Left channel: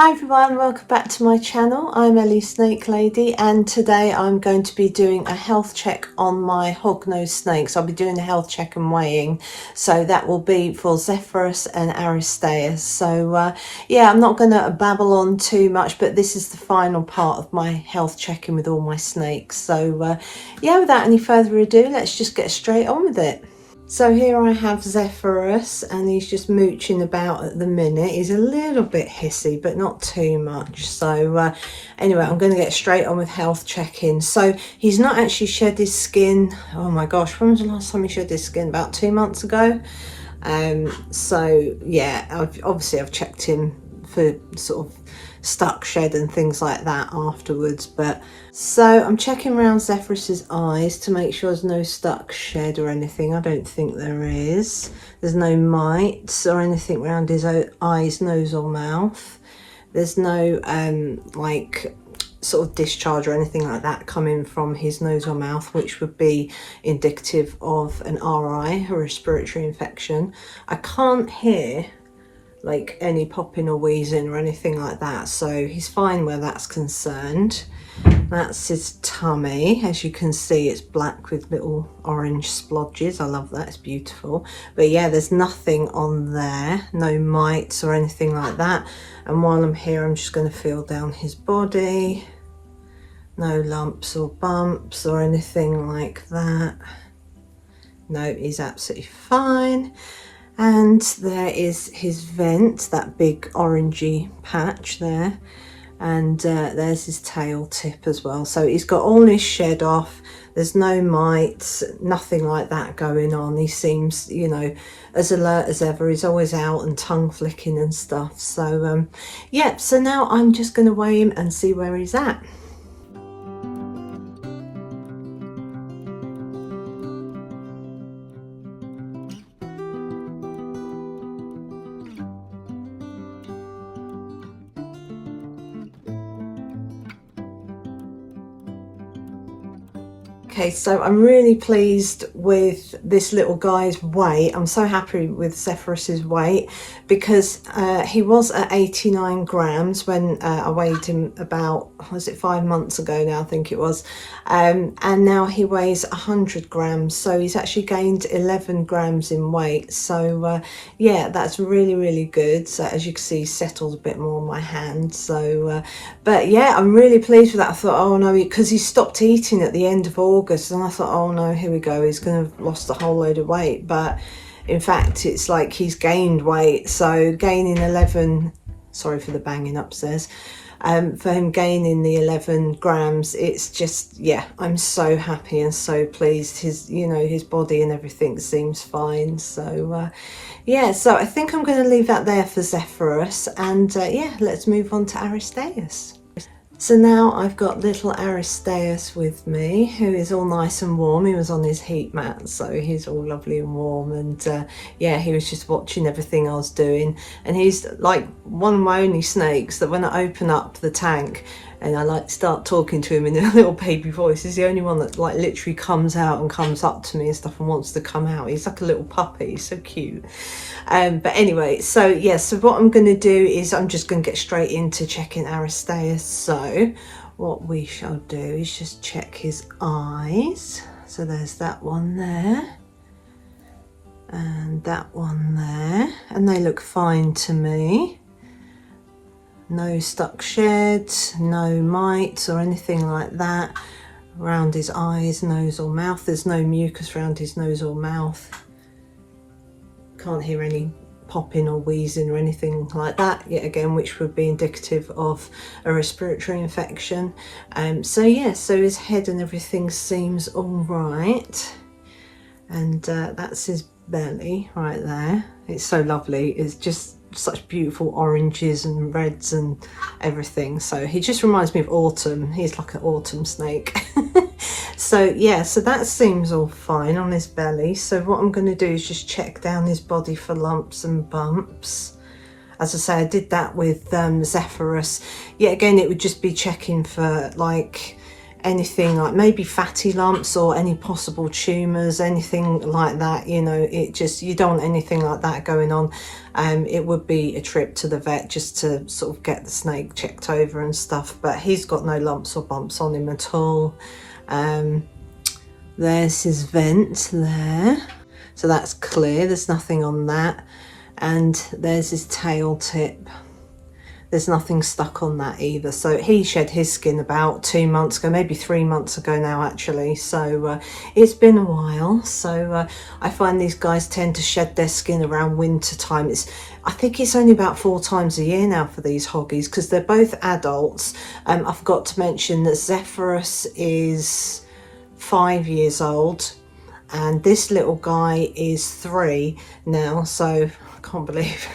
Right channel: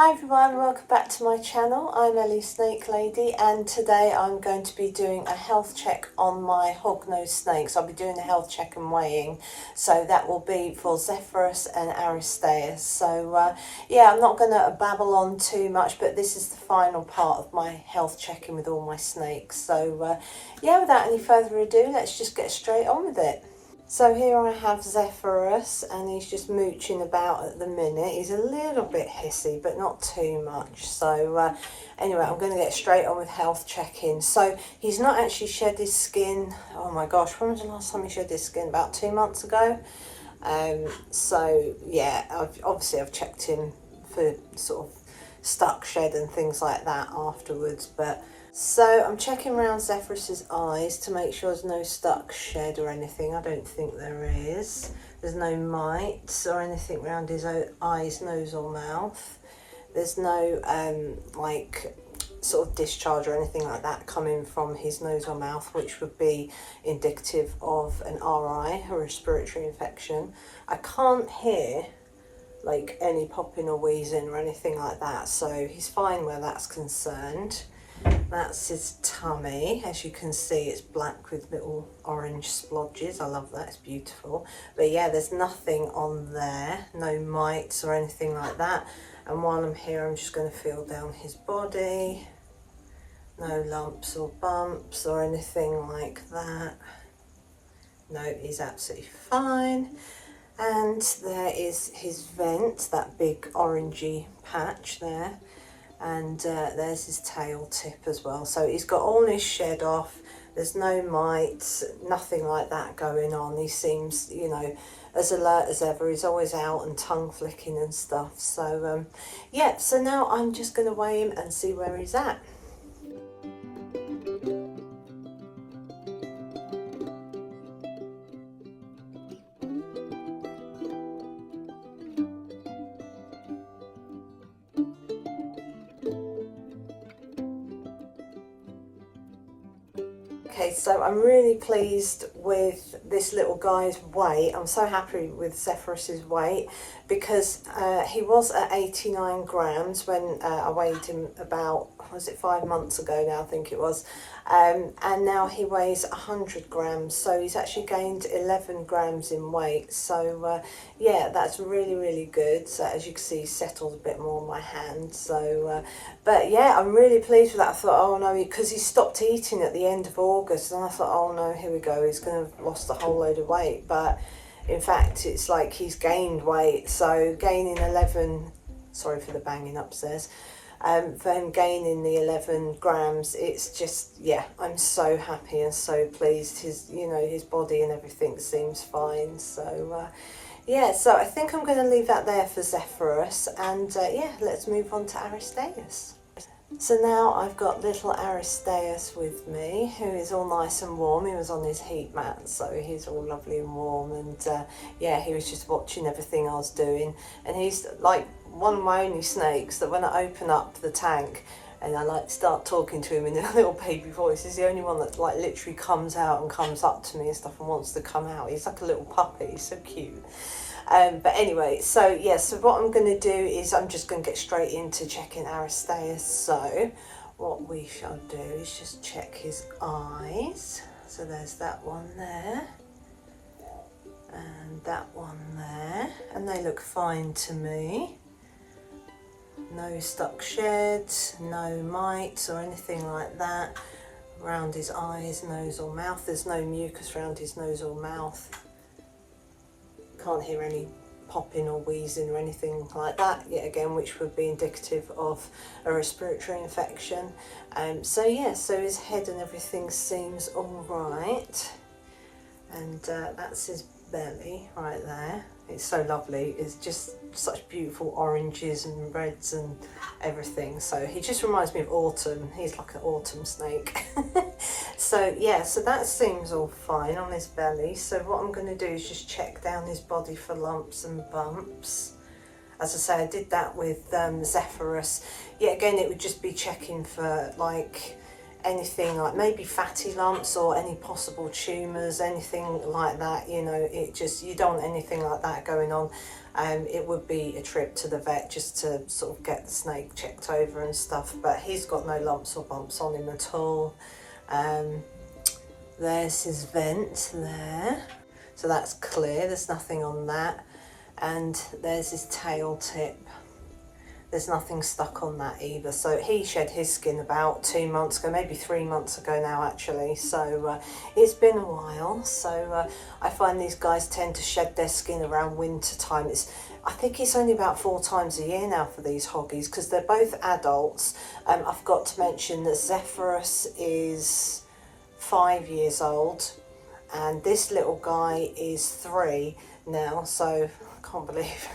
Hi everyone, welcome back to my channel. I'm Ellie Snake Lady, and today I'm going to be doing a health check on my hognose snakes. I'll be doing a health check and weighing, so that will be for Zephyrus and Aristaeus. So yeah, I'm not going to babble on too much, but this is the final part of my health checking with all my snakes. So yeah, without any further ado, let's just get straight on with it. So here I have Zephyrus, and he's just mooching about at the minute. He's a little bit hissy, but not too much. So anyway, I'm going to get straight on with health checking. So he's not actually shed his skin. Oh my gosh, when was the last time he shed his skin? About 2 months ago. So yeah, I've checked him for sort of stuck shed and things like that afterwards. But so I'm checking around Zephyrus's eyes to make sure there's no stuck shed or anything. I don't think there is. There's no mites or anything around his eyes, nose or mouth. There's no like sort of discharge or anything like that coming from his nose or mouth, which would be indicative of an RI, a respiratory infection. I can't hear like any popping or wheezing or anything like that, so he's fine where that's concerned. That's his tummy. As you can see, it's black with little orange splodges. I love that, it's beautiful. But yeah, there's nothing on there, no mites or anything like that. And while I'm here, I'm just going to feel down his body. No lumps or bumps or anything like that. No, he's absolutely fine. And there is his vent, that big orangey patch there. And there's his tail tip as well. So he's got all his shed off. There's no mites, nothing like that going on. He seems, you know, as alert as ever. He's always out and tongue flicking and stuff. So yeah, so now I'm just going to weigh him and see where he's at. Okay, so I'm really pleased with this little guy's weight. I'm so happy with Zephyrus's weight because he was at 89 grams when I weighed him about, was it 5 months ago now, I think it was. And now he weighs 100 grams. So he's actually gained 11 grams in weight. So yeah, that's really, really good. So as you can see, he's settled a bit more on my hand. So, but yeah, I'm really pleased with that. I thought, oh no, because he stopped eating at the end of August, and I thought, oh no, here we go, he's going to have lost a whole load of weight. But in fact, it's like he's gained weight. So gaining 11, sorry for the banging upstairs, for him gaining the 11 grams, it's just, yeah, I'm so happy and so pleased. His, you know, his body and everything seems fine. So yeah, so I think I'm going to leave that there for Zephyrus, and yeah, let's move on to Aristaeus. So now I've got little Aristaeus with me, who is all nice and warm. He was on his heat mat, so he's all lovely and warm. And yeah, he was just watching everything I was doing. And he's like one of my only snakes that when I open up the tank and I like start talking to him in a little baby voice, he's the only one that like literally comes out and comes up to me and stuff and wants to come out. He's like a little puppy, he's so cute. But anyway, so yeah, so what I'm going to do is I'm just going to get straight into checking Aristaeus. So what we shall do is just check his eyes. So there's that one there and that one there, and they look fine to me. No stuck sheds, no mites or anything like that around his eyes, nose or mouth. There's no mucus around his nose or mouth. Can't hear any popping or wheezing or anything like that yet again, which would be indicative of a respiratory infection. So yeah, so his head and everything seems all right, and that's his belly right there. It's so lovely. It's just such beautiful oranges and reds and everything. So he just reminds me of autumn. He's like an autumn snake. So yeah, so that seems all fine on his belly. So what I'm going to do is just check down his body for lumps and bumps. As I say, I did that with Zephyrus. Yet again, it would just be checking for like anything like maybe fatty lumps or any possible tumours, anything like that, you know, it just, you don't want anything like that going on. It would be a trip to the vet just to sort of get the snake checked over and stuff, but he's got no lumps or bumps on him at all. There's his vent there, so that's clear, there's nothing on that. And there's his tail tip. There's nothing stuck on that either. So he shed his skin about 2 months ago, maybe 3 months ago now actually. So it's been a while. So I find these guys tend to shed their skin around winter time. I think it's only about 4 times a year now for these hoggies because they're both adults. I forgot to mention that Zephyrus is 5 years old and this little guy is 3 now. So I can't believe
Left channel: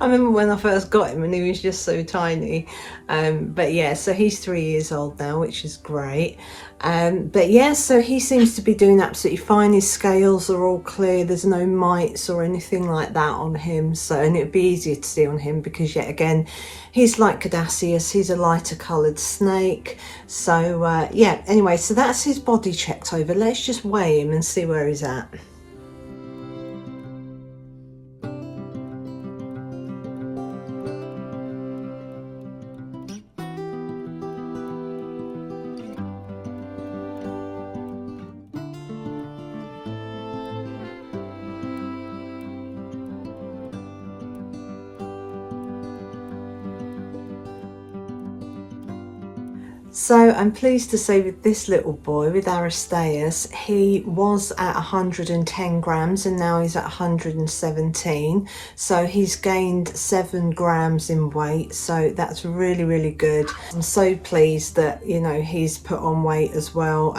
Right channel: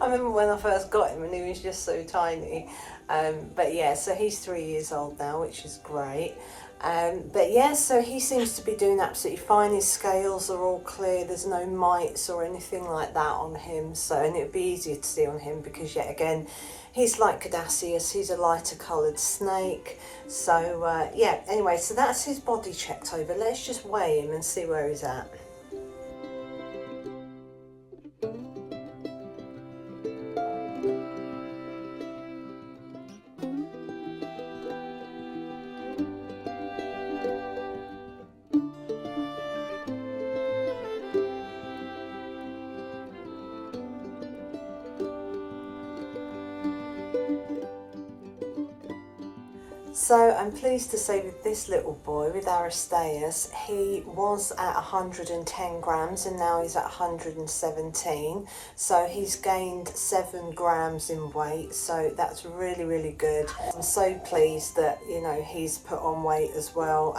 I remember when I first got him and he was just so tiny. But yeah, so he's 3 years old now, which is great. But yeah, so he seems to be doing absolutely fine. His scales are all clear. There's no mites or anything like that on him. So, and it'd be easier to see on him because yet again, he's like Aristaeus. He's a lighter coloured snake. So yeah, anyway, so that's his body checked over. Let's just weigh him and see where he's at. So I'm pleased to say with this little boy, with Aristaeus, he was at 110 grams and now he's at 117. So he's gained 7 grams in weight. So that's really, really good. I'm so pleased that, you know, he's put on weight as well,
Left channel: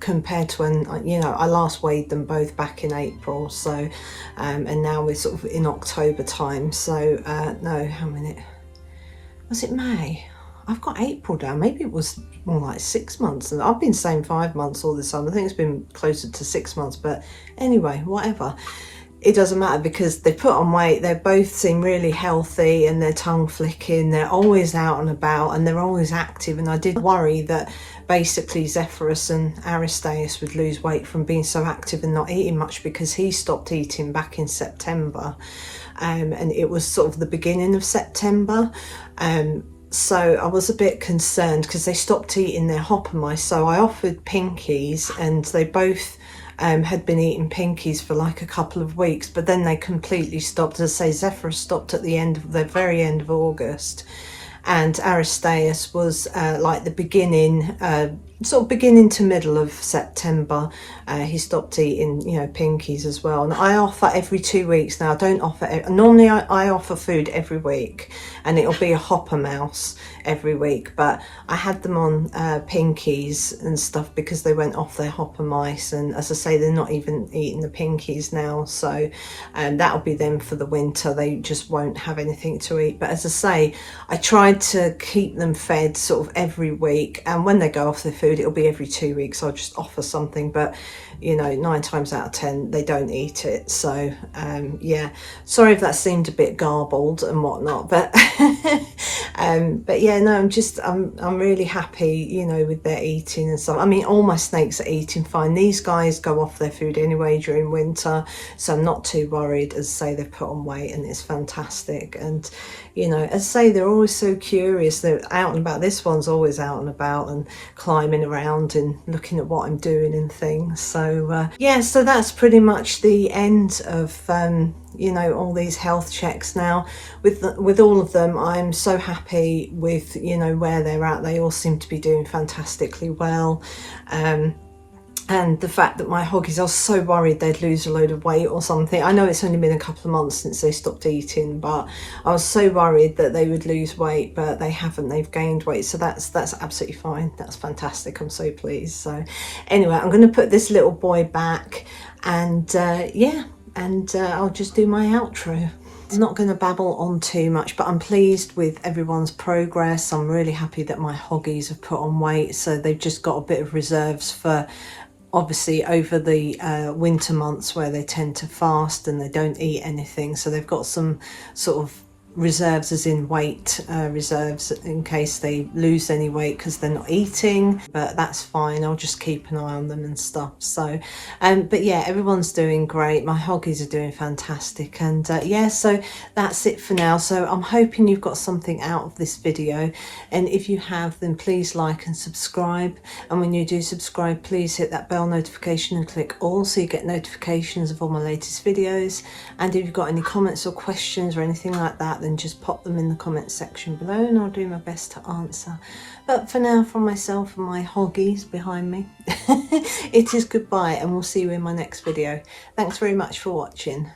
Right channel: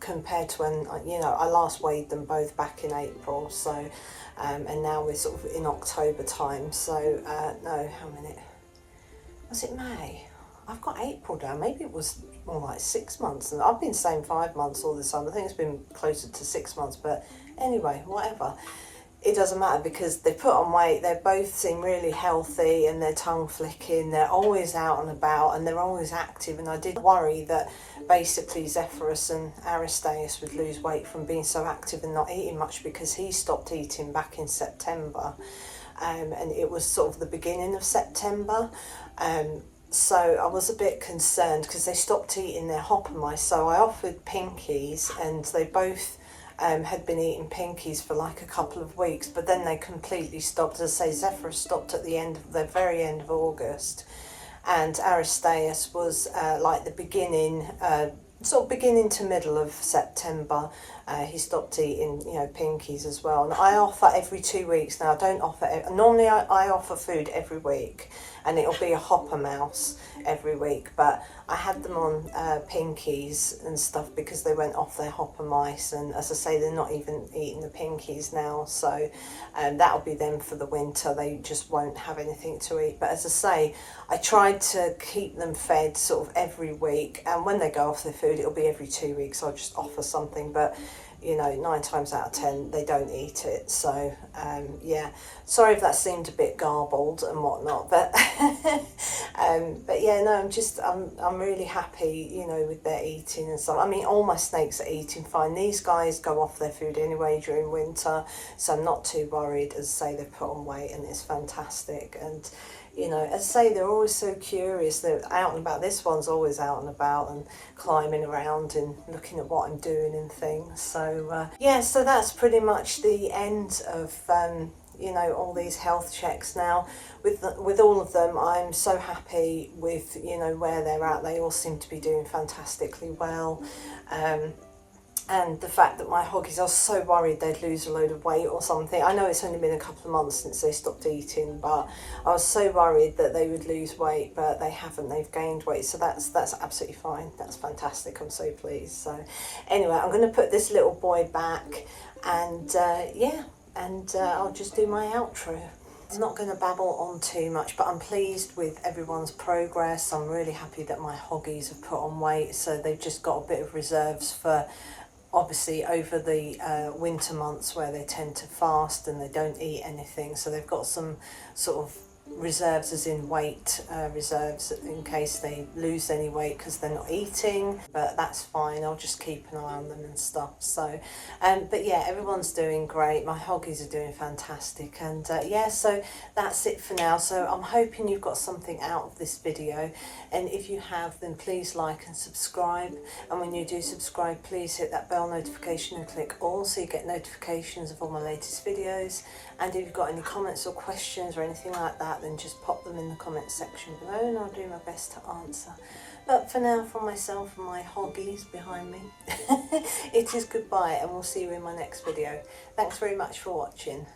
compared to when, you know, I last weighed them both back in April. So, and now we're sort of in October time. So, no, how many? Was it May? I've got April down. Maybe it was more like 6 months. And I've been saying 5 months all this time. I think it's been closer to 6 months. But anyway, whatever. It doesn't matter because they put on weight. They both seem really healthy and they're tongue flicking. They're always out and about and they're always active. And I did worry that basically Zephyrus and Aristaeus would lose weight from being so active and not eating much because he stopped eating back in September. And it was sort of the beginning of September. So I was a bit concerned because they stopped eating their hopper mice. So I offered pinkies and they both had been eating pinkies for like a couple of weeks, but then they completely stopped. As I say, Zephyrus stopped at the very end of August, and Aristaeus was like the beginning, sort of beginning to middle of September. He stopped eating, you know, pinkies as well. And I offer every 2 weeks now. I don't offer, normally I offer food every week and it'll be a hopper mouse every week, but I had them on pinkies and stuff because they went off their hopper mice, and as I say, they're not even eating the pinkies now. So that'll be them for the winter. They just won't have anything to eat. But as I say, I tried to keep them fed sort of every week, and when they go off their food, it'll be every 2 weeks. I'll just offer something, but you know, 9 times out of 10 they don't eat it. So yeah, sorry if that seemed a bit garbled and whatnot, but but yeah, no, I'm really happy, you know, with their eating and stuff. I mean, all my snakes are eating fine. These guys go off their food anyway during winter, so I'm not too worried. As I say, they've put on weight and it's fantastic. And you know, as I say, they're always so curious. They're out and about. This one's always out and about and climbing around and looking at what I'm doing and things. So yeah, so that's pretty much the end of you know, all these health checks now. With all of them, I'm so happy with, you know, where they're at. They all seem to be doing fantastically well. And the fact that my hoggies, I was so worried they'd lose a load of weight or something. I know it's only been a couple of months since they stopped eating, but I was so worried that they would lose weight, but they haven't. They've gained weight, so that's absolutely fine. That's fantastic. I'm so pleased. So anyway, I'm going to put this little boy back, and yeah, and I'll just do my outro. I'm not going to babble on too much, but I'm pleased with everyone's progress. I'm really happy that my hoggies have put on weight, so they've just got a bit of reserves for obviously over the winter months where they tend to fast and they don't eat anything. So they've got some sort of reserves, as in weight reserves, in case they lose any weight because they're not eating, but that's fine. I'll just keep an eye on them and stuff. So but yeah, everyone's doing great. My hoggies are doing fantastic, and yeah, so that's it for now. So I'm hoping you've got something out of this video, and if you have, then please like and subscribe, and when you do subscribe, please hit that bell notification and click all so you get notifications of all my latest videos. And if you've got any comments or questions or anything like that, then just pop them in the comment section below and I'll do my best to answer. But for now, from myself and my hoggies behind me, it is goodbye, and we'll see you in my next video. Thanks very much for watching.